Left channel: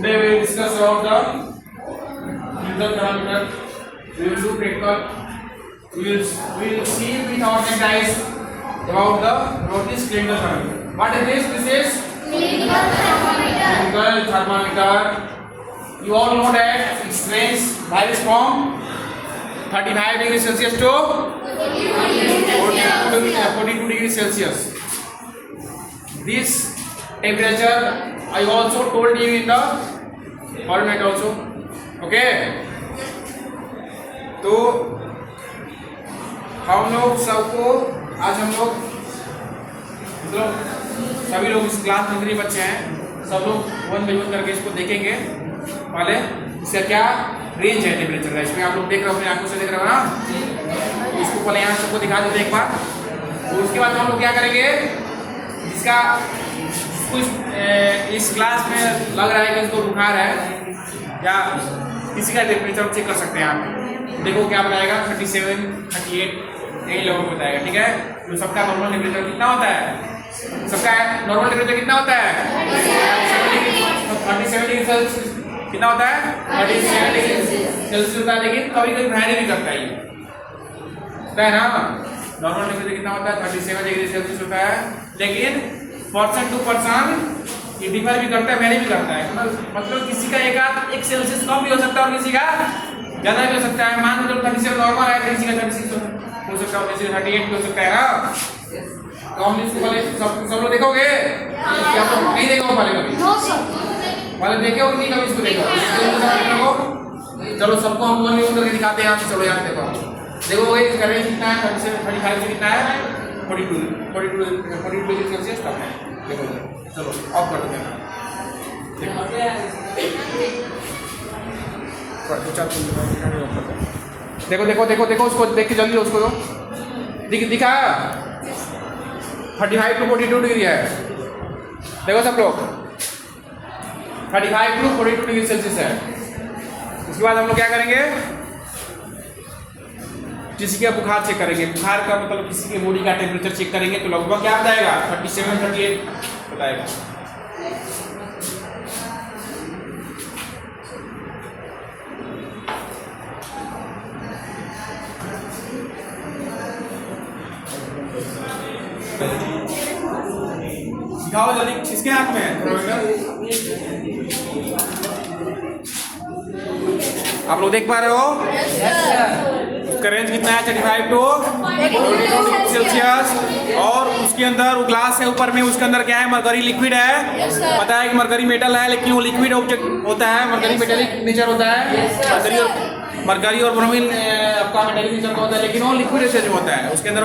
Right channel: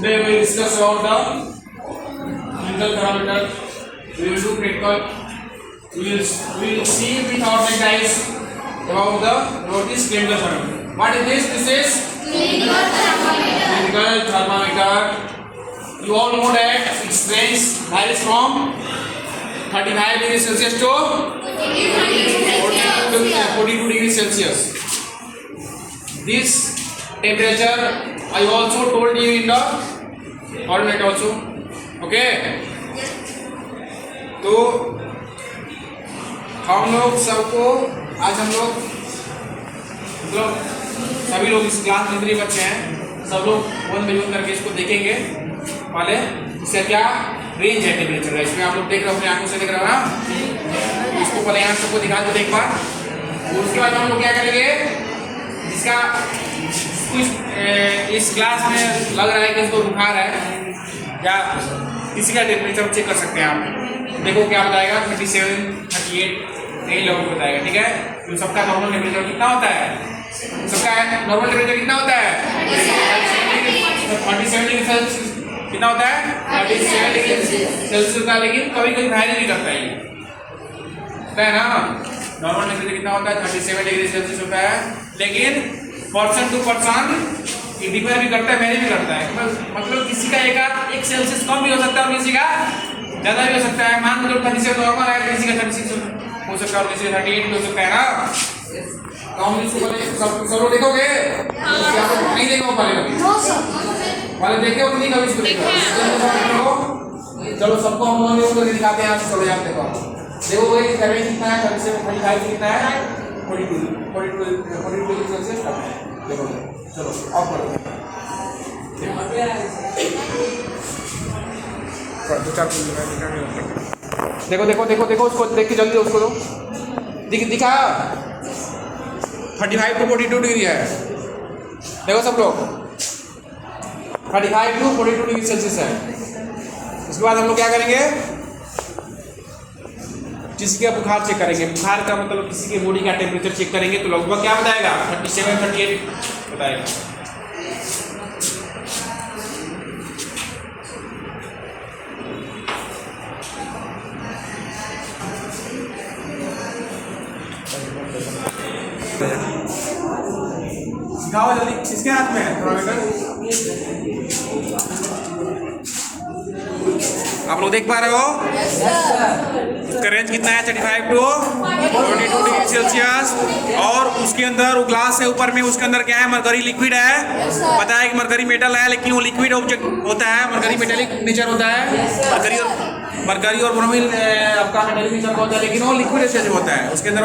Today we will discuss about the clinical thermometer. We will do practical. We will see with our naked eyes about this clinical thermometer. What is this? This is clinical thermometer. Clinical thermometer. You all know that its range varies from 35 degrees Celsius to 42 degrees Celsius. This temperature I also told you in the alternate also. Okay. तो हम लोग सबको आज हम लोग मतलब सभी लोग इस क्लास में जितने बच्चे हैं सब लोग वन बाई वन करके इसको देखेंगे पहले इसका क्या रेंज है टेम्परेचर का। इसमें आप लोग देख रहे हो अपनी आंखों से देख रहे हो ना, इसको पहले यहाँ सबको दिखा दो एक बार। उसके बाद हम लोग क्या करेंगे जिसका कुछ इस क्लास में लग रहा है कि इसको बुखार है या किसी का टेम्परेचर चेक कर सकते हैं आप। देखो क्या बताएगा 37, 38 यही लोगों को बताएगा। ठीक है, तो सबका नॉर्मल टेम्परेचर कितना होता है? सबका नॉर्मल टेम्परेचर कितना होता है? 37 डिग्री सेल्सियस कितना होता है? 37 डिग्री सेल्सियस होता है, लेकिन कभी कभी वैरी भी करता है ये होता है ना। नॉर्मल टेम्परेचर कितना होता है? 37 डिग्री सेल्सियस होता है, लेकिन पर्सन टू पर्सन ये डिफर भी करता है, वैरी भी करता है। मतलब किसी का एक सेल्सियस कम भी हो सकता है और किसी का ज़्यादा भी हो सकता है। मान लो 37 नॉर्मल है, किसी का 36 हो सकता है और किसी का 38 भी हो सकता है ना। तो हम इसको पहले सब लोग देखोगे? नहीं देखो पहले देखे हो कि नहीं कभी इसको देखो? चलो सबको हम वन यूज करके दिखाते हैं। चलो यहाँ देखो, देखो वही करेंगे कितना है? 37, 35 कितना है? 42 डिग्री सेल्सियस कम है। देखो चलो ऑफ कर दो। देखो देखो देखो देखो उसको देख के जल्दी उसको दिखा 35 टू 42 डिग्री है। देखो सब लोग 35 टू 42 डिग्री सेल्सियस है। इसके बाद हम लोग क्या करेंगे? किसी का बुखार चेक करेंगे। बुखार का मतलब किसी के बॉडी का टेम्परेचर चेक करेंगे तो लगभग क्या बताएगा? 37, 38 बताएगा। दिखाओ जल्दी, किसके हाथ में है थर्मामीटर? आप लोग देख पा रहे हो? उसका रेंज कितना है? 35 टू 42 डिग्री सेल्सियस। और उसके अंदर वो ग्लास है ऊपर में, उसके अंदर क्या है? मरकरी लिक्विड है। पता है कि मरकरी मेटल है, लेकिन वो लिक्विड ऑब्जेक्ट होता है, मरकरी मेटेलिक नेचर होता है। मरकरी और ब्रोमीन आपका मेटेलिक नेचर का होता है, लेकिन वो लिक्विड नेचर होता है। उसके अंदर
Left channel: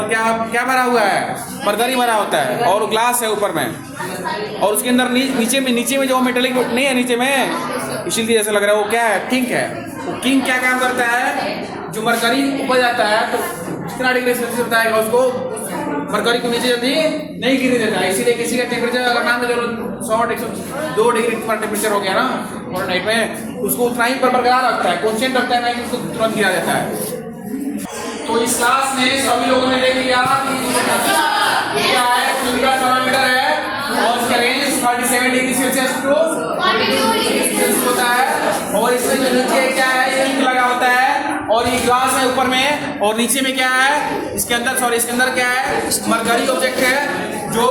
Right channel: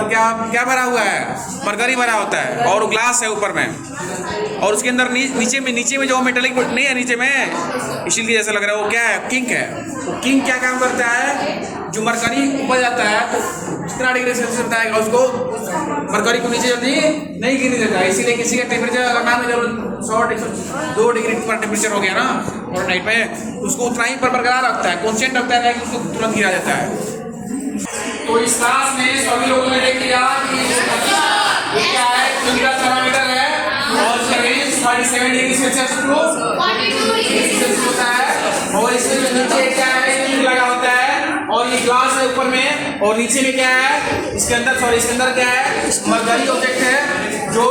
क्या भरा हुआ है? मरकरी भरा होता है और वो ग्लास है ऊपर में। और उसके अंदर नीचे में जो मेटेलिक नहीं है नीचे में, इसीलिए ऐसा लग रहा है वो क्या है? किंक है। वो किंक क्या काम करता है? जो मरकरी ऊपर जाता है तो कितना डिग्री सेल्सियस बताएगा उसको, मरकरी को नीचे जल्दी नहीं गिरने देता है। इसीलिए किसी का टेम्परेचर अगर मान लो 102 डिग्री पर टेम्परेचर हो गया ना और नाइट में, उसको उतना ही पर बरकरार रखता है, कॉन्स्टेंट रखता है, उसको तुरंत गिरा देता है। तो इस क्लास में सभी लोगों ने देख लिया कि क्या है? क्लिनिकल थर्मामीटर है और इसका range 37 degree Celsius to 42 degree Celsius होता है। और इसमें जो नीचे क्या है? किंक लगा होता है और ये ग्लास है ऊपर में, और नीचे में क्या है? इसके अंदर क्या है? मरकरी ऑब्जेक्ट है जो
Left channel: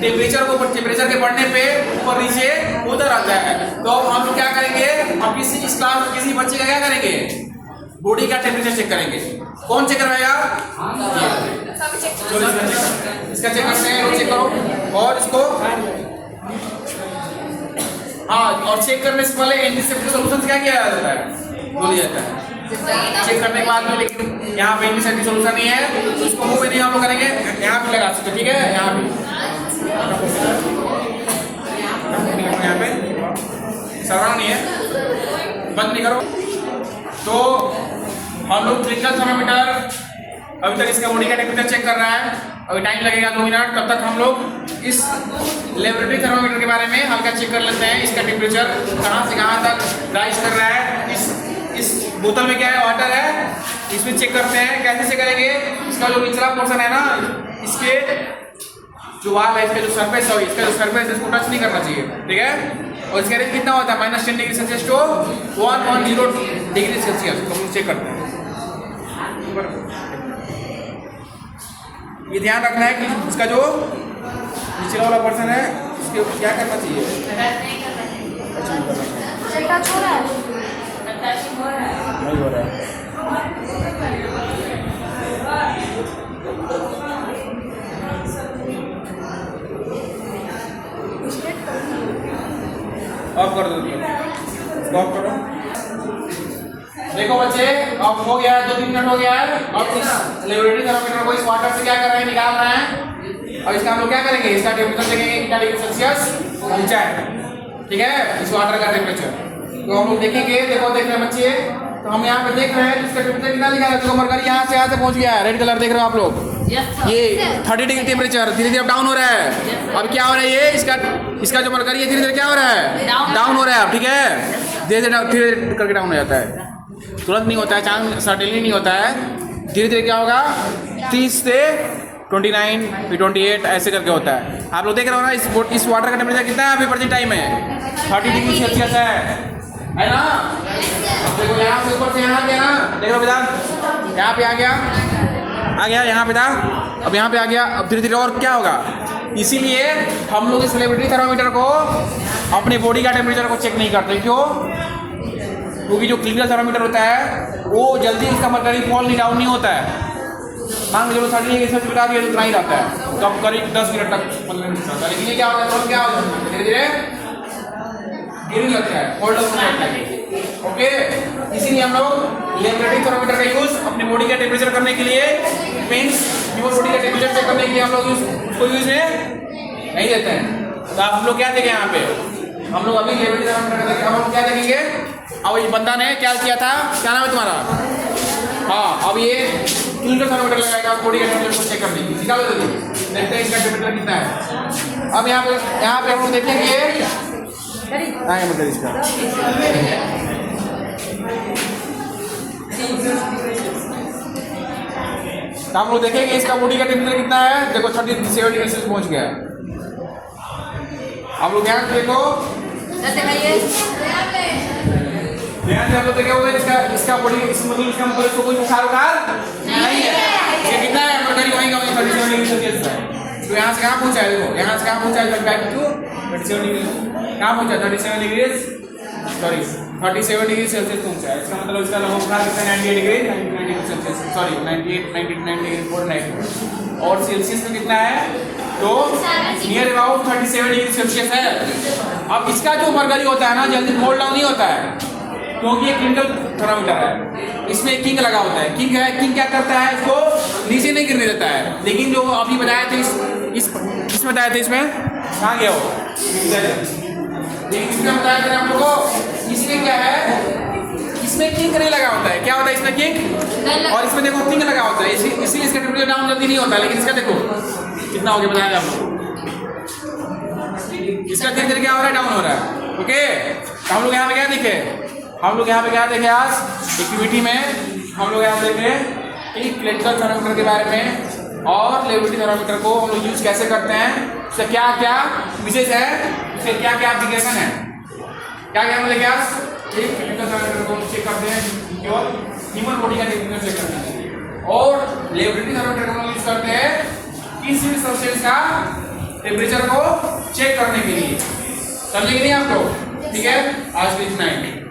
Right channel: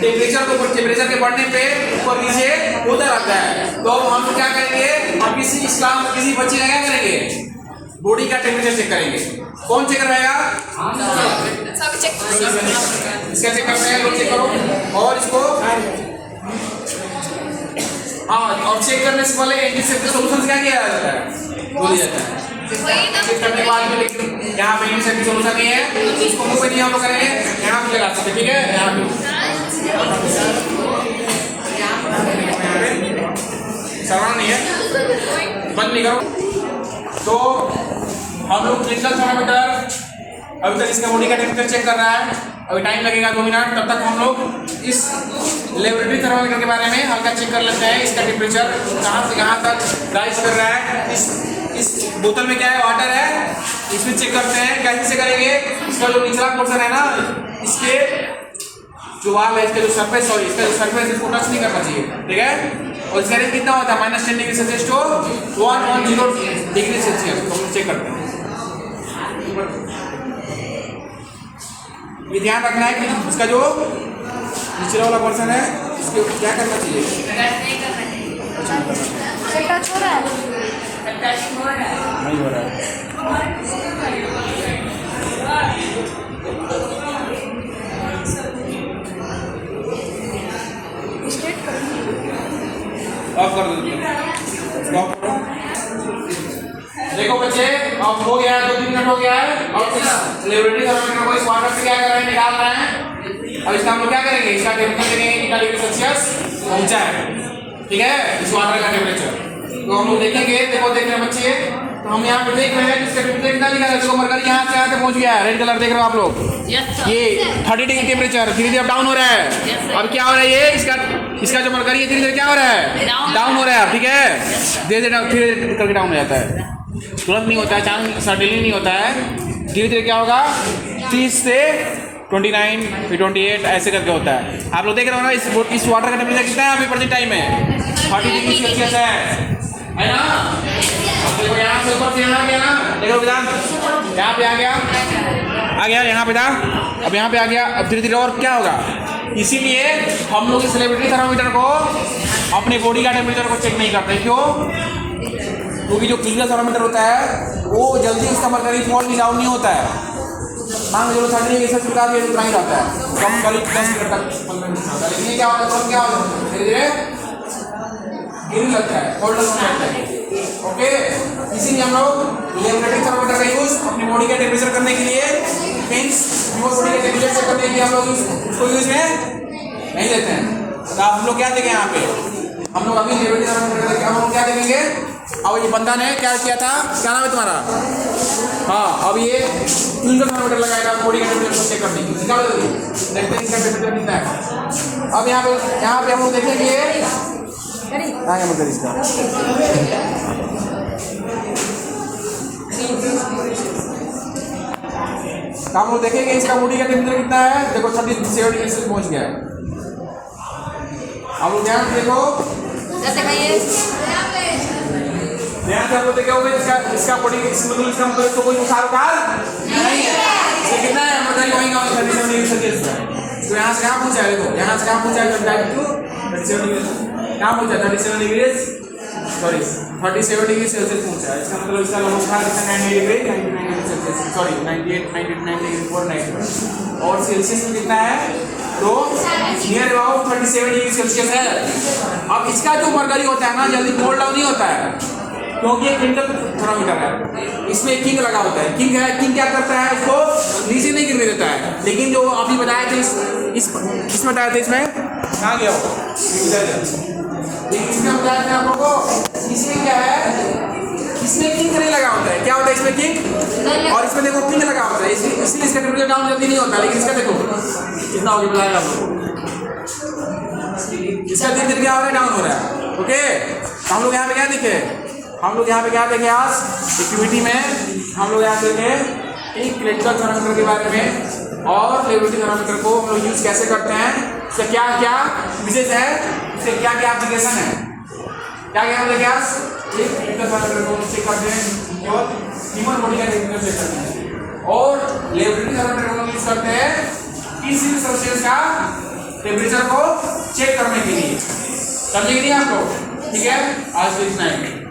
टेम्परेचर के बढ़ने पे ऊपर नीचे होता रहता है। तो हम लोग क्या करेंगे? अब किसी बच्चे का क्या करेंगे? बॉडी का टेम्परेचर चेक करेंगे। कौन चेक करवाएगा? इसका चेक करते हैं, चेक करो। और इसको और चेक करने से पहले एंटीसेप्टिक सॉल्यूशन क्या किया जाता है? बोली जाता है। चेक करने के बाद में, लेकिन यहाँ पे एंटीसेप्टिक सॉल्यूशन नहीं है तो इसको मुंह पे नहीं हम लोग करेंगे, यहाँ पे लगा सकते। ठीक है, यहाँ पे सरवाना नहीं है, बंद नहीं करो। तो हम लोग क्लिनिकल थर्मामीटर अभी तक इसका बॉडी का टेम्परेचर चेक कर रहा है। अभी टाइम लगेगा 2 मिनट, तब तक हम लोग इस लेबोरेटरी थर्मामीटर के बारे में हल्का चेक कर लेते हैं। इसका टेम्परेचर कहाँ से कहाँ तक राइज कर रहा है। इस बोतल में क्या है? वाटर है। इसमें चेक करते हैं। कैसे से करेंगे? इसका जो निचला पोर्शन है ना, इसके जो वाल है, इसका जो सरफेस है, इसका जो सरफेस इसको टच नहीं करना चाहिए। ठीक है, और इसका रेंज कितना होता है -10 degree Celsius to 110 degree Celsius. तो हम चेक करते हैं। ये ध्यान रखना है कि उसका जो निचला वाला पर्सन है उसके क्या करना चाहिए। नहीं हो रहा है। ऑफ कर दो, ऑफ करो। देखो बच्चे, अब हो गया है, 2-3 मिनट हो गया है। अब इस लेबोरेटरी थर्मामीटर को इस वाटर से क्या कर रहे हैं, निकाल रहे हैं। अब इसका हम लोग क्या करेंगे, इसका टेम्परेचर देखेंगे कितना डिग्री सेल्सियस पहुंचा है, ठीक है, इस वाटर का टेम्परेचर। तो हम लोग देखेंगे, देखो देख रहे हैं बच्चे, तो हम यहाँ पे देख रहे हैं इसका टेम्परेचर कितना लिखा है। देखो मरकरी यहाँ से पहुंच गया है, रेड कलर देख रहे हो आप लोग। ये 30 डिग्री टेम्परेचर धीरे धीरे डाउन हो रहा है। अब क्या हो रहा है, ये इसका जो मरकरी है धीरे धीरे क्या हो रहा है, डाउन हो रहा है। अब ठीक है, धीरे धीरे करके डाउन हो जाता है, तुरंत नहीं होता है, चांस सडनली नहीं होता है। धीरे धीरे क्या होगा, 30 से 29 फिर 28 ऐसे करके होता है। आप लोग देख रहे हो ना, इस वाटर का टेम्परेचर कितना है अभी प्रेजेंट टाइम में 30 डिग्री सेल्सियस है ना। देखो यहाँ से ऊपर से यहाँ गया ना, देखो बेटा यहाँ पे आ गया यहाँ पे था, अब यहाँ पे आ गया। अब धीरे धीरे और क्या होगा, इसीलिए हम लोग इस लेबोरेटरी थर्मामीटर को अपने बॉडी का टेम्परेचर को चेक नहीं करते। क्यों? क्योंकि जो क्लिनिकल थर्मामीटर होता है वो जल्दी उसका मरकरी फॉल नहीं डाउन नहीं होता है। मान लो 30 डिग्री सेल्सियस बता दिया तो इतना ही रहता है, कम करीब 10 मिनट तक 15 मिनट रहता है। लेकिन ये क्या होता है, तो क्या होता है, धीरे धीरे गिरने लगता है, फोल्ड होने लगता है। ओके, इसीलिए हम लोग लेबोरेटरी थर्मामीटर का यूज अपने बॉडी का टेम्परेचर करने के लिए, मीन्स ह्यूमन बॉडी का टेम्परेचर चेक करने के लिए हम लोग उसको यूज में नहीं लेते हैं। तो आप लोग क्या देखें यहाँ पे, हम लोग अभी लेबोरेटरी थर्मामीटर देखें, हम लोग क्या देखेंगे। अब ये बंदा ने क्या किया था, क्या नाम है तुम्हारा? हाँ, अब ये क्लिनिकल थर्मामीटर लगाएगा बॉडी का टेम्परेचर को चेक करने के लिए। निकालो जल्दी, देखते हैं इसका टेम्परेचर कितना है। अब यहाँ पे हम लोग देखेंगे, आगे मतलब इसका तो हम लोग देखेंगे इसका बॉडी का टेम्परेचर कितना है। देखो 37 डिग्री सेल्सियस पहुंच गया है। आप लोग ध्यान से देखो, ध्यान से आप लोग देखे होंगे इसका बॉडी इसका तो कोई उछाल उखाल नहीं है। ये कितना है, मरकरी वहीं का वहीं 37 डिग्री सेल्सियस है। तो यहाँ से कहाँ पहुंचा है, देखो यहाँ से कहाँ पहुंचा है, 37 डिग्री कहाँ पहुंचा, 37 डिग्री सेल्सियस पहुंचा है। इसका मतलब इसका लगभग उठा सकते हैं 98 degree Celsius, sorry 98 degree Fahrenheit. और सेल्सियस में कितना है, तो नियर अबाउट 37 डिग्री सेल्सियस है। अब इसका जो मरकरी होता है ना, जल्दी कोल्ड डाउन नहीं होता है, क्योंकि ये क्लिनिकल थर्मामीटर है, इसमें किंग लगा होता है। किंग क्या करता है, इसको नीचे नहीं गिरने देता है। लेकिन जो अभी बताया था इसमें बताया था, इसमें कहाँ गया हो, इसमें बताया था आप लोगों को। इसमें क्या है, इसमें किंग नहीं लगा होता है। क्या होता है इसमें, किंग, और इसमें देखो किंग लगा होता है, इसलिए इसका टेम्परेचर डाउन जल्दी नहीं होता। लेकिन इसका देखो कितना हो गया, बताया आप लोग, इसका धीरे धीरे क्या हो रहा है, डाउन हो रहा है। ओके, हम लोग यहाँ पे क्या देखे, हम लोग यहाँ पे क्या देखें, आज एक्टिविटी में हम लोग यहाँ देखें कि क्लिनिकल थर्मामीटर के बारे में और लेबोरेटरी थर्मामीटर को हम लोग यूज कैसे करते हैं, उसका क्या क्या यूजेज है, उसके क्या क्या एप्लीकेशन है, क्या क्या हम देखें आज। एक क्लिनिकल थर्मामीटर को चेक करते हैं केवल ह्यूमन बॉडी का टेम्परेचर चेक करते हैं, और लेबोरेटरी थर्मामीटर को हम यूज करते हैं 30 डिग्री सेल्सियस का टेम्परेचर को चेक करने के लिए। समझे कि नहीं आप लोग? ठीक है, आज के इतना ही।